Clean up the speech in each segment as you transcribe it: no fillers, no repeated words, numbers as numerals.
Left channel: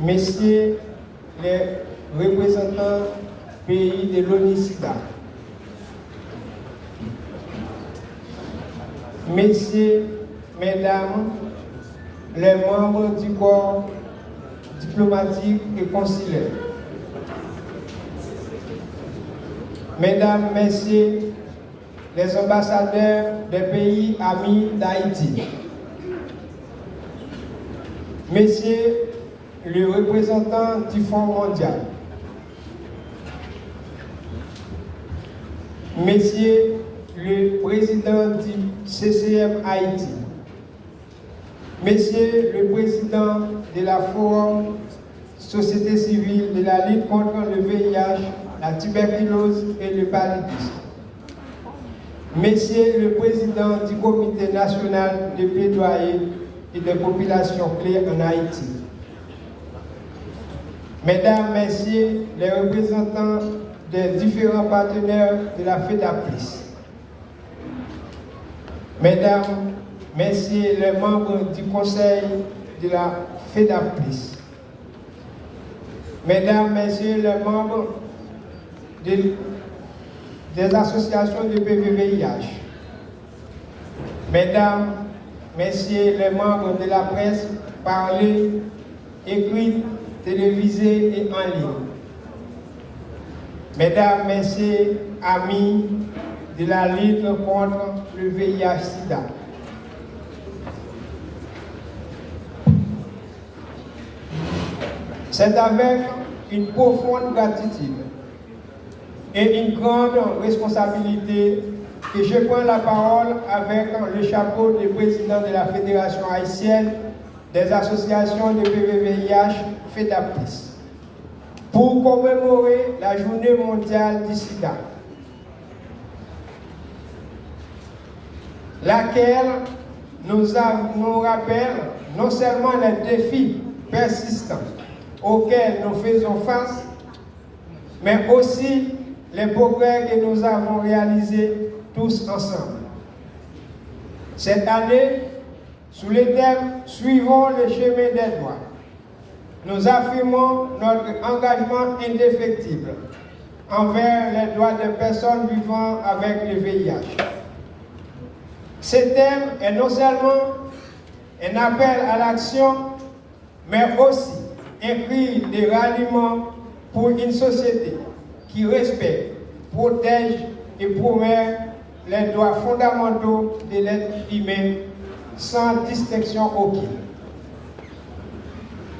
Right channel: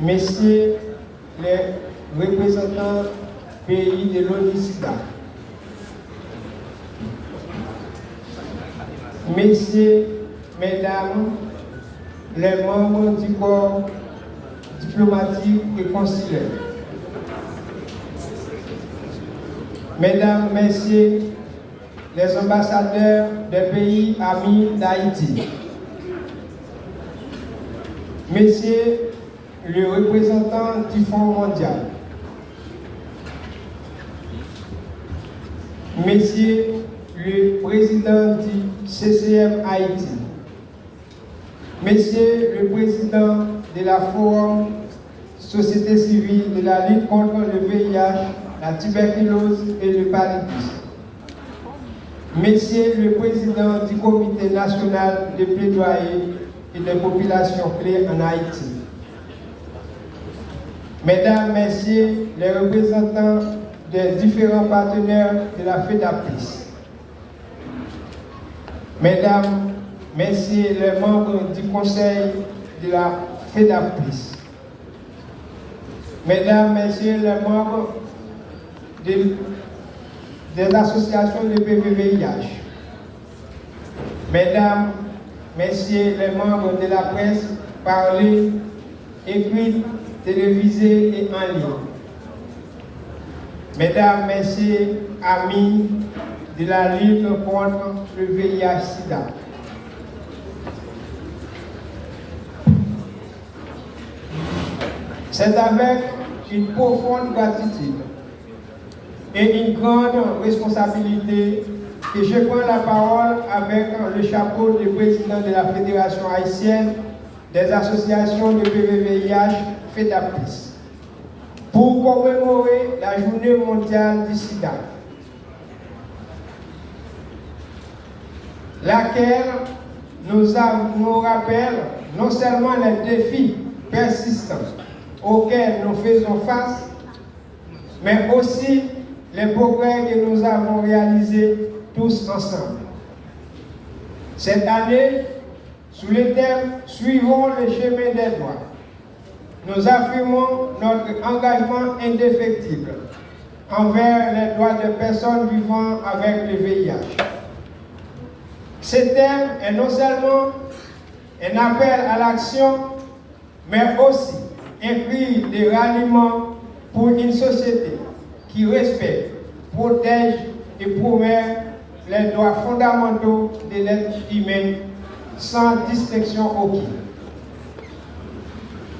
messieurs les représentants pays de l'ONU-SIDA, messieurs, mesdames, les membres du corps diplomatique et consulaire, mesdames, messieurs, les ambassadeurs des pays amis d'Haïti, messieurs, le représentant du Fonds mondial, messieurs, le président du CCM Haïti, messieurs, le président de la Forum Société civile de la lutte contre le VIH, la tuberculose et le paludisme, messieurs, le président du Comité national de plaidoyer et des populations clés en Haïti, mesdames, messieurs, les représentants des différents partenaires de la FEDAPLIS, mesdames, messieurs, les membres du conseil de la FEDAPLIS, mesdames, messieurs, les membres des associations de PVVIH, mesdames, messieurs, les membres de la presse parlée, écrite, télévisée et en ligne, mesdames, messieurs, amis de la lutte contre le VIH-Sida, c'est avec une profonde gratitude et une grande responsabilité que je prends la parole avec le chapeau de président de la Fédération haïtienne des associations de PVVIH FEDAPLIS pour commémorer la journée mondiale du sida, laquelle nous rappelle non seulement les défis persistants auxquels nous faisons face, mais aussi les progrès que nous avons réalisés tous ensemble. Cette année, sous le thème « Suivons le chemin des droits », nous affirmons notre engagement indéfectible envers les droits des personnes vivant avec le VIH. Ce thème est non seulement un appel à l'action, mais aussi un cri de ralliement pour une société qui respecte, protège et promeut les droits fondamentaux de l'être humain sans distinction aucune.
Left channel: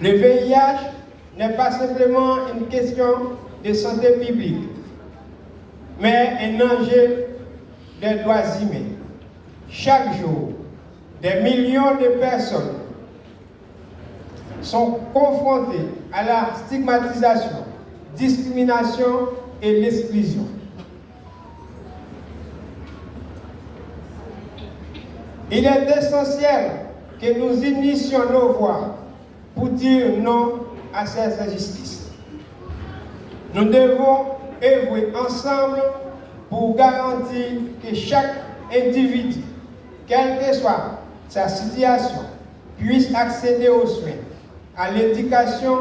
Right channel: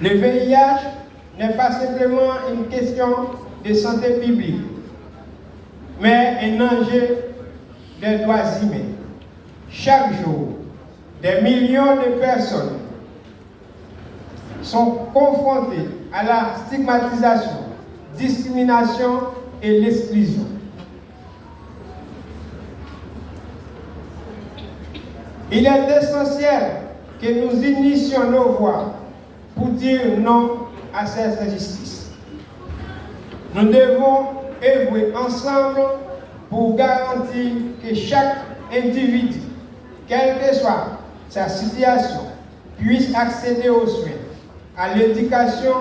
Le VIH n'est pas simplement une question de santé publique, mais un enjeu des droits humains. Chaque jour, des millions de personnes sont confrontées à la stigmatisation, discrimination et l'exclusion. Il est essentiel que nous unissions nos voix pour dire non à ces injustices. Nous devons œuvrer ensemble pour garantir que chaque individu, quelle que soit sa situation, puisse accéder aux soins, à l'éducation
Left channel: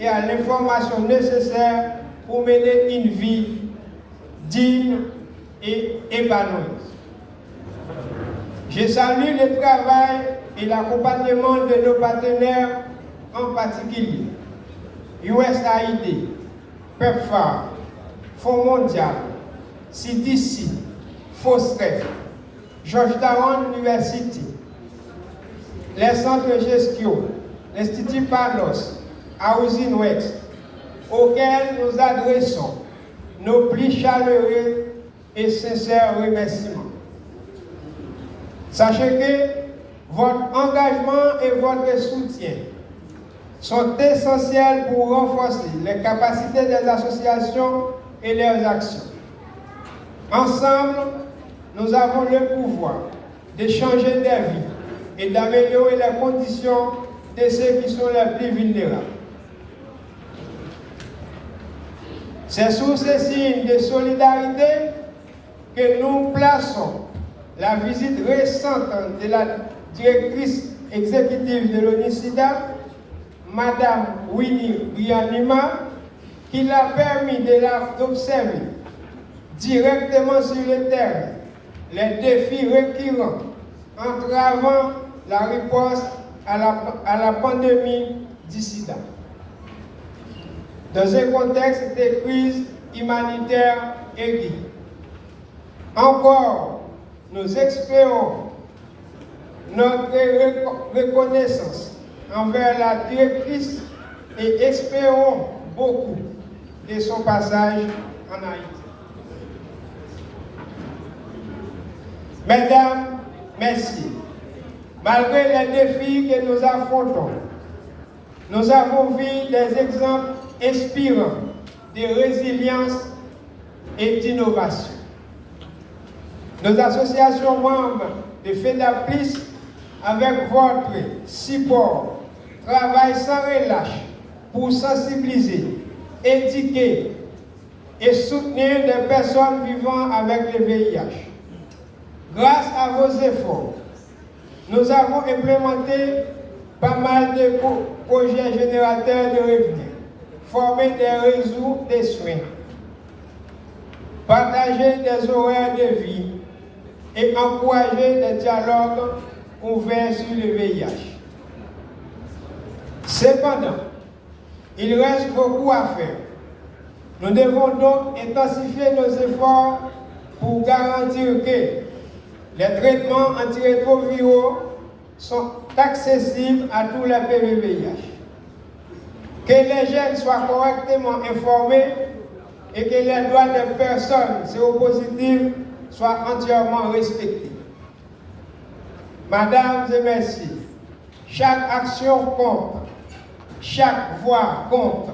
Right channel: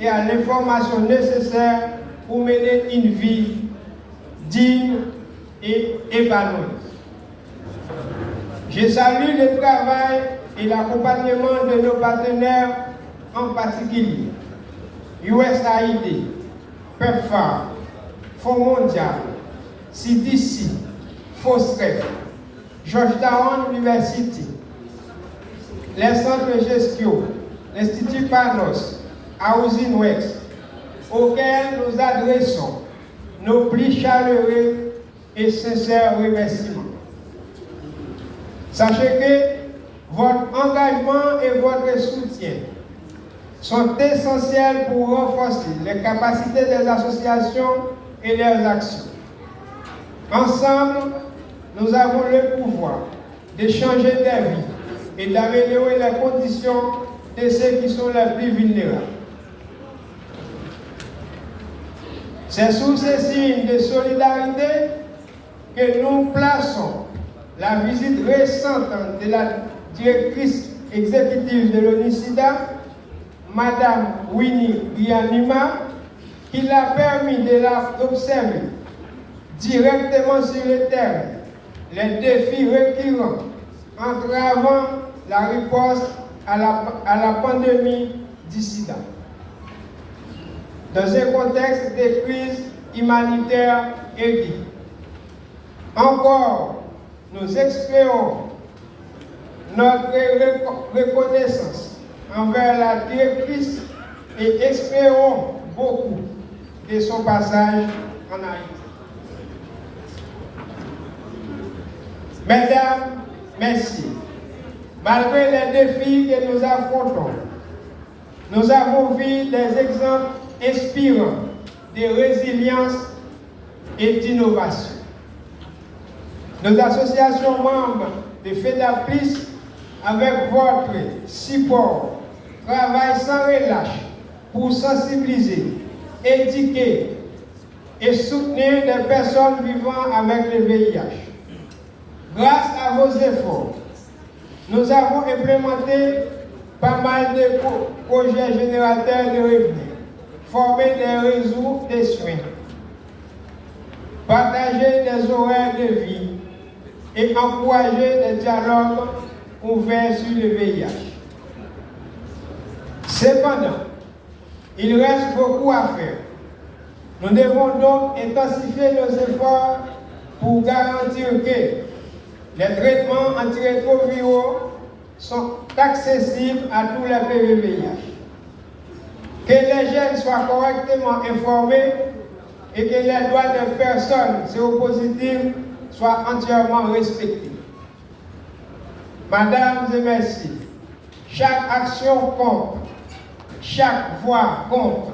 et à l'information nécessaires pour mener une vie digne et épanouie. Je salue le travail et l'accompagnement de nos partenaires, en particulier USAID, PEPFAR, Fonds mondial, CDC, FOSREF, Georgetown University, les centres Gestio, l'Institut Panos, Housing West, auxquels nous adressons nos plus chaleureux et sincères remerciements. Sachez que votre engagement et votre soutien sont essentiels pour renforcer les capacités des associations et leurs actions. Ensemble, nous avons le pouvoir de changer des vies et d'améliorer les conditions de ceux qui sont les plus vulnérables. C'est sous ces signes de solidarité que nous plaçons la visite récente de la directrice exécutive de l'ONU-SIDA, Madame Winnie Brianima, qui l'a permis d'observer directement sur le terrain les défis récurrents entravant la réponse à la pandémie du sida. Dans un contexte de crise humanitaire aiguë. Encore, nous exprimons notre reconnaissance envers la directrice et espérons beaucoup de son passage en Haïti. Mesdames, messieurs, malgré les défis que nous affrontons, nous avons vu des exemples inspirants de résilience et d'innovation. Nos associations membres de FEDAPLIS, avec votre support, travaillent sans relâche pour sensibiliser, éduquer et soutenir les personnes vivant avec le VIH. Grâce à vos efforts, nous avons implémenté pas mal de projets générateurs de revenus, formé des réseaux de soins, partagé des horaires de vie et encouragé des dialogues ouverts sur le VIH. Cependant, il reste beaucoup à faire. Nous devons donc intensifier nos efforts pour garantir que les traitements antirétroviraux sont accessibles à tous les PVVIH, que les jeunes soient correctement informés et que les droits des personnes séropositives soient entièrement respectés. Mesdames et messieurs, chaque action compte, chaque voix compte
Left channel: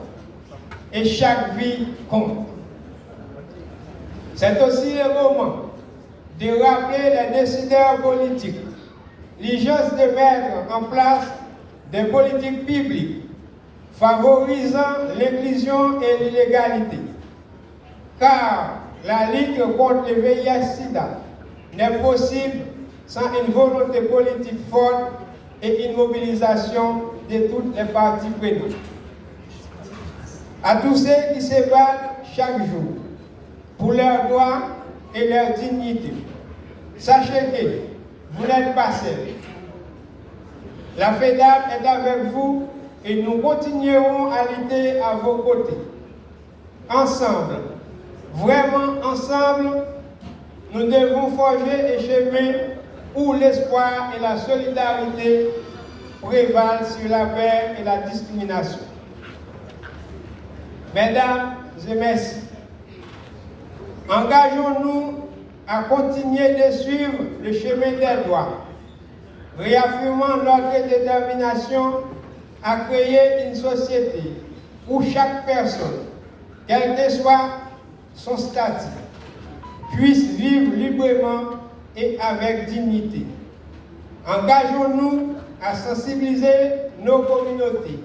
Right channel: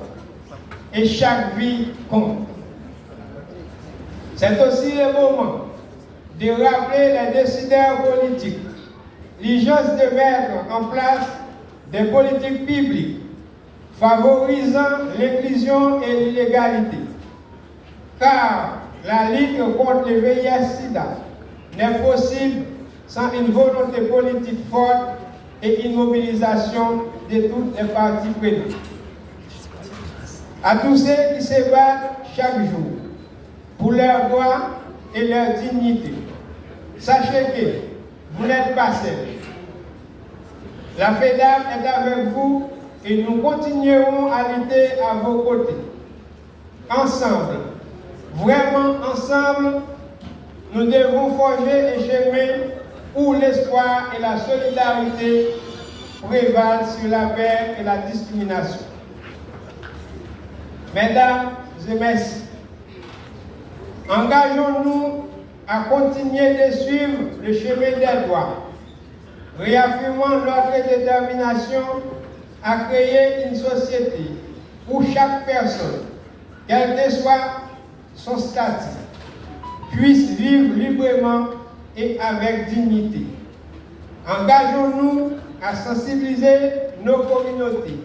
et chaque vie compte. C'est aussi le moment de rappeler les décideurs politiques l'urgence de mettre en place des politiques publiques favorisant l'inclusion et l'égalité. Car la lutte contre le VIH-Sida n'est possible sans une volonté politique forte et une mobilisation de toutes les parties prenantes. À tous ceux qui se battent chaque jour pour leurs droits et leur dignité, sachez que vous n'êtes pas seuls. La FEDAP est avec vous et nous continuerons à lutter à vos côtés. Ensemble, vraiment ensemble, nous devons forger un chemin où l'espoir et la solidarité prévalent sur la paix et la discrimination. Mesdames et messieurs, engageons-nous à continuer de suivre le chemin des droits, réaffirmant notre détermination à créer une société où chaque personne, quel que soit son statut, puisse vivre librement et avec dignité. Engageons-nous à sensibiliser nos communautés,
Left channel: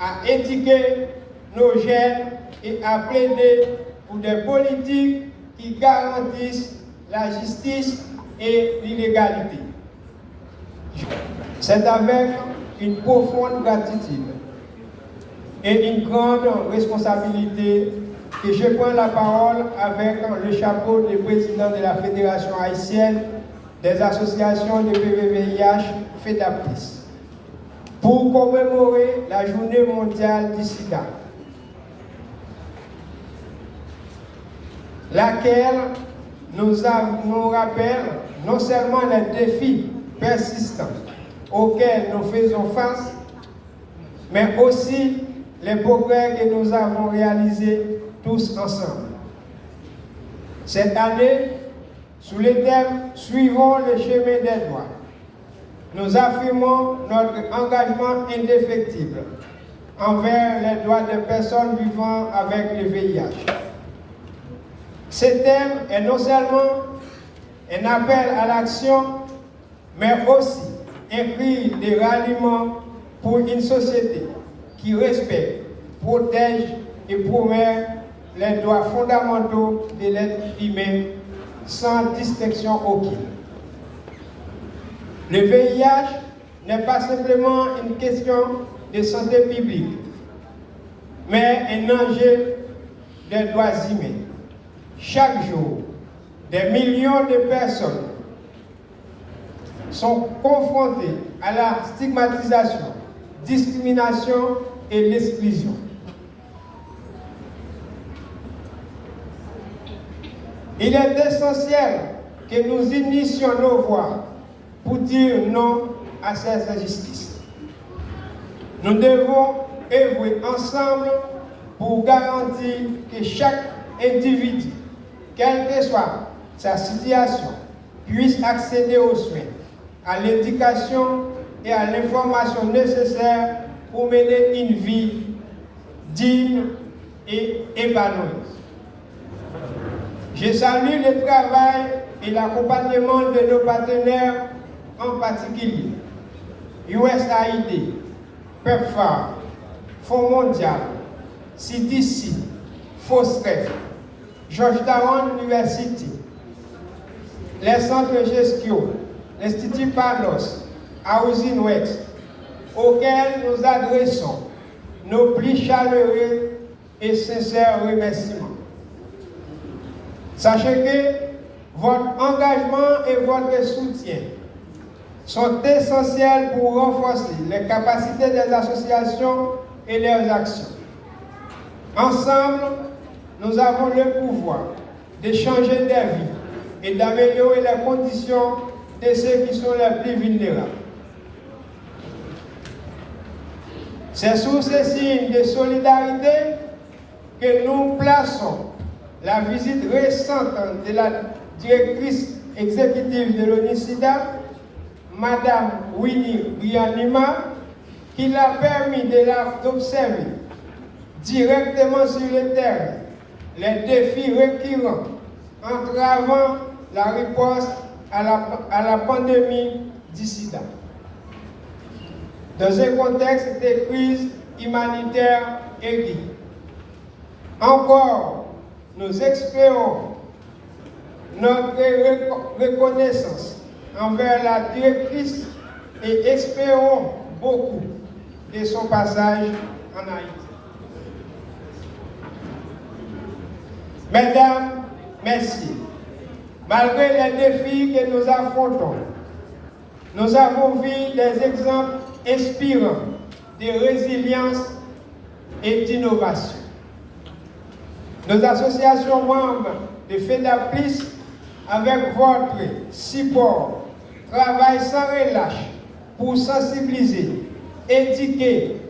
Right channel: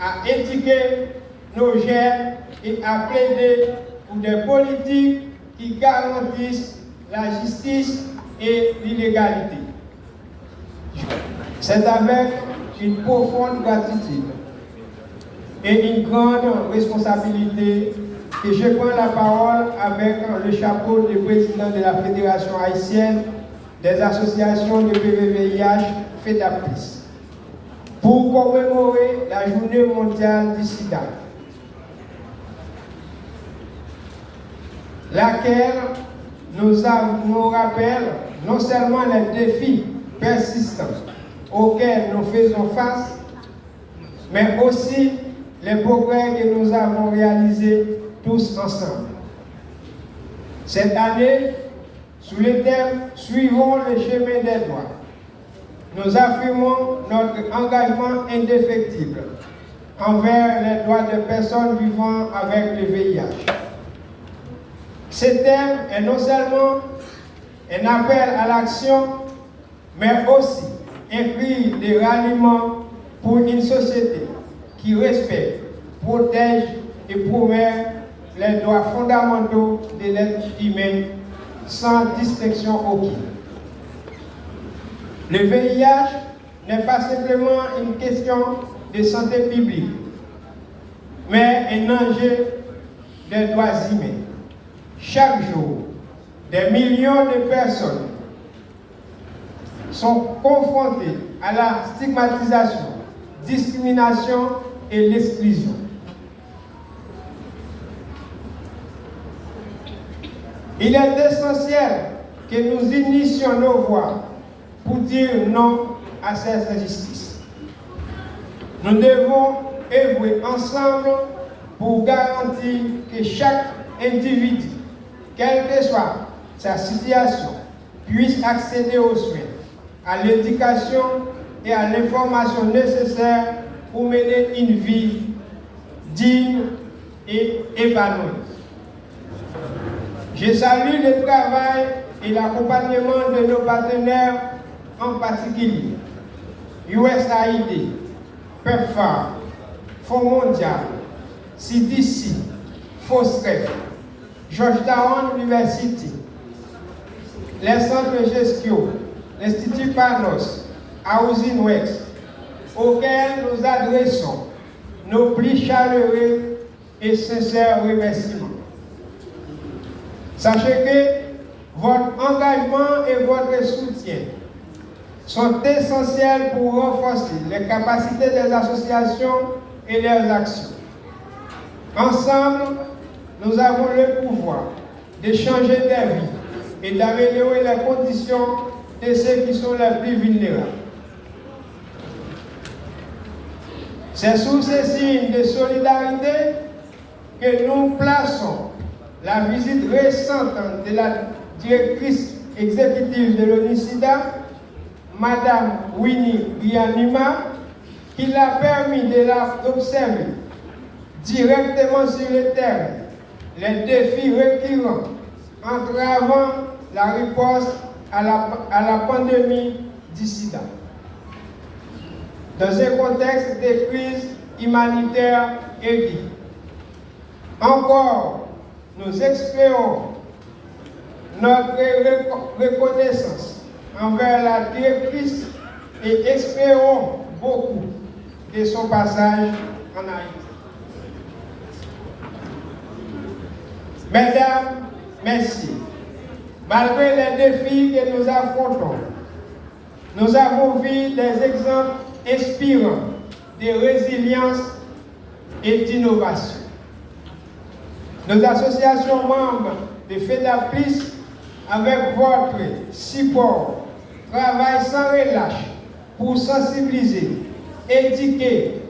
à éduquer nos jeunes et à plaider pour des politiques qui garantissent la justice et l'illégalité. C'est avec une profonde gratitude et une grande responsabilité que je prends la parole avec le chapeau de président de la Fédération haïtienne des associations de PVVIH FEDAPLIS pour commémorer la journée mondiale du sida, laquelle nous rappelle non seulement les défis persistants auxquels nous faisons face, mais aussi les progrès que nous avons réalisés tous ensemble. Cette année, sous le thème « Suivons le chemin des droits », nous affirmons notre engagement indéfectible envers les droits des personnes vivant avec le VIH. Ce thème est non seulement un appel à l'action, mais aussi un cri de ralliement pour une société qui respecte, protège et promeut les droits fondamentaux de l'être humain sans distinction aucune. Le VIH n'est pas simplement une question de santé publique, mais un enjeu des droits humains. Chaque jour, des millions de personnes sont confrontées à la stigmatisation, discrimination et l'exclusion. Il est essentiel que nous unissions nos voix pour dire non à ces injustices. Nous devons œuvrer ensemble pour garantir que chaque individu, quelle que soit sa situation, puisse accéder aux soins, à l'éducation et à l'information nécessaires pour mener une vie digne et épanouie. Je salue le travail et l'accompagnement de nos partenaires, en particulier USAID, PEPFAR, Fonds mondial, CDC, FOSREF, Georgetown University, les centres Gestio, l'Institut Panos, Housing West, auxquels nous adressons nos plus chaleureux et sincères remerciements. Sachez que votre engagement et votre soutien sont essentiels pour renforcer les capacités des associations et leurs actions. Ensemble, nous avons le pouvoir de changer des vies et d'améliorer les conditions de ceux qui sont les plus vulnérables. C'est sous ces signes de solidarité que nous plaçons la visite récente de la directrice exécutive de l'ONU-SIDA, Madame Winnie Byanyima, qui l'a permis d'observer directement sur le terrain les défis récurrents entravant la riposte à la pandémie du sida. Dans un contexte de crise humanitaire aiguë. Encore, nous exprimons notre reconnaissance envers la directrice et espérons beaucoup de son passage en Haïti. Mesdames, merci. Malgré les défis que nous affrontons, nous avons vu des exemples inspirants de résilience et d'innovation. Nos associations membres de FEDAPLIS, avec votre support, travaillent sans relâche pour sensibiliser, éduquer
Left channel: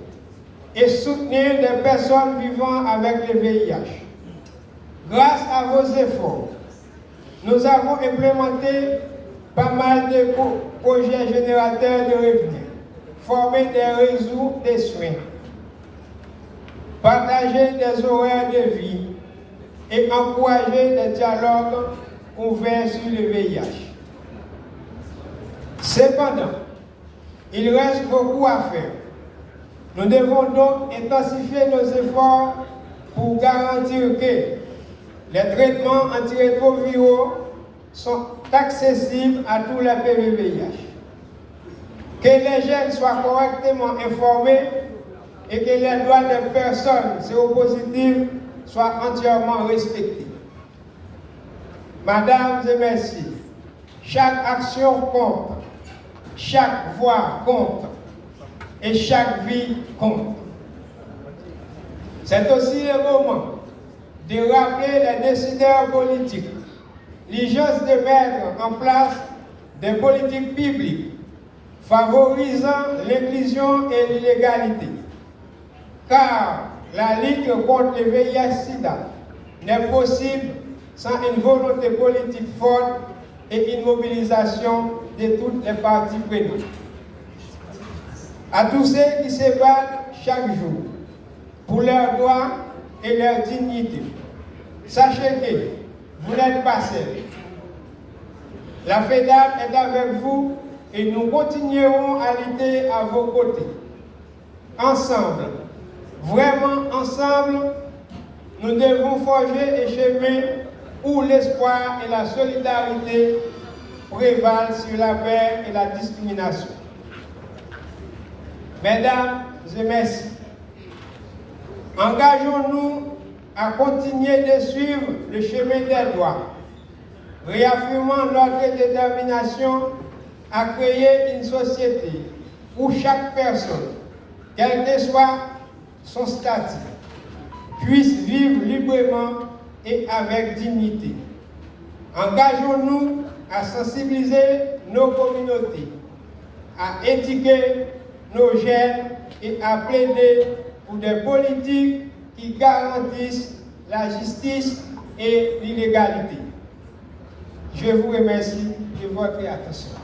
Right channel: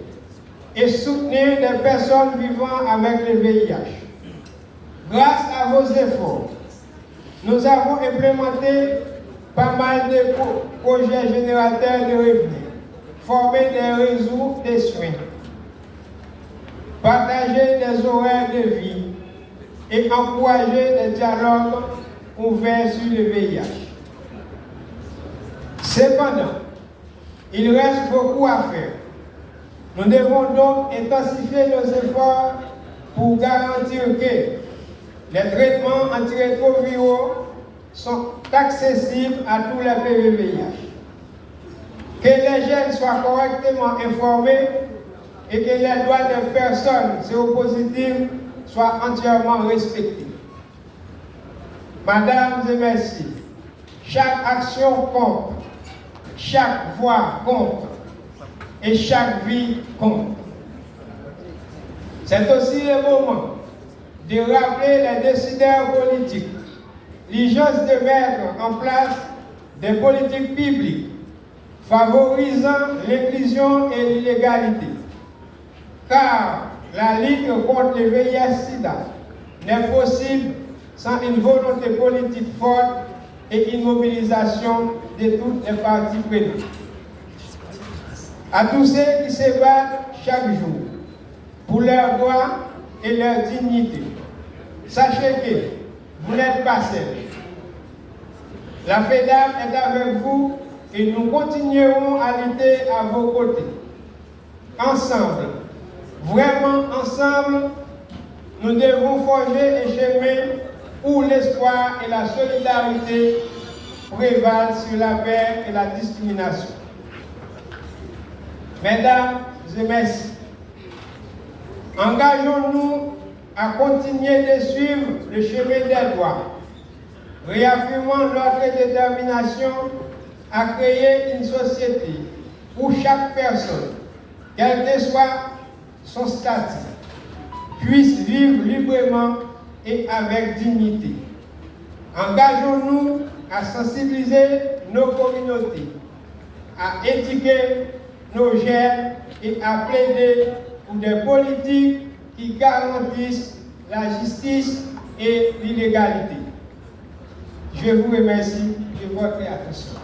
et soutenir des personnes vivant avec le VIH. Grâce à vos efforts, nous avons implémenté pas mal de projets générateurs de revenus, formé des réseaux de soins, partagé des horaires de vie et encouragé des dialogues ouverts sur le VIH. Cependant, il reste beaucoup à faire. Nous devons donc intensifier nos efforts pour garantir que les traitements antirétroviraux sont accessibles à tous les PVVIH, que les jeunes soient correctement informés et que les droits des personnes séropositives soient entièrement respectés. Mesdames et messieurs, chaque action compte, chaque voix compte et chaque vie compte. C'est aussi le moment de rappeler les décideurs politiques l'urgence de mettre en place des politiques publiques favorisant l'inclusion et l'illégalité. Car la lutte contre le VIH-Sida n'est possible sans une volonté politique forte et une mobilisation de toutes les parties prenantes. À tous ceux qui se battent chaque jour pour leurs droits et leur dignité, sachez que vous n'êtes pas seuls. La FEDAP est avec vous et nous continuerons à lutter à vos côtés. Ensemble, vraiment ensemble, nous devons forger un chemin où l'espoir et la solidarité prévalent sur la peur et la discrimination. Mesdames et merci. Engageons-nous à continuer de suivre le chemin des droits, réaffirmant notre détermination à créer une société où chaque personne, quel que soit son statut, puisse vivre librement et avec dignité. Engageons-nous à sensibiliser nos communautés, à éduquer nos jeunes et à plaider pour des politiques qui garantissent la justice et l'illégalité. Je vous remercie de votre attention.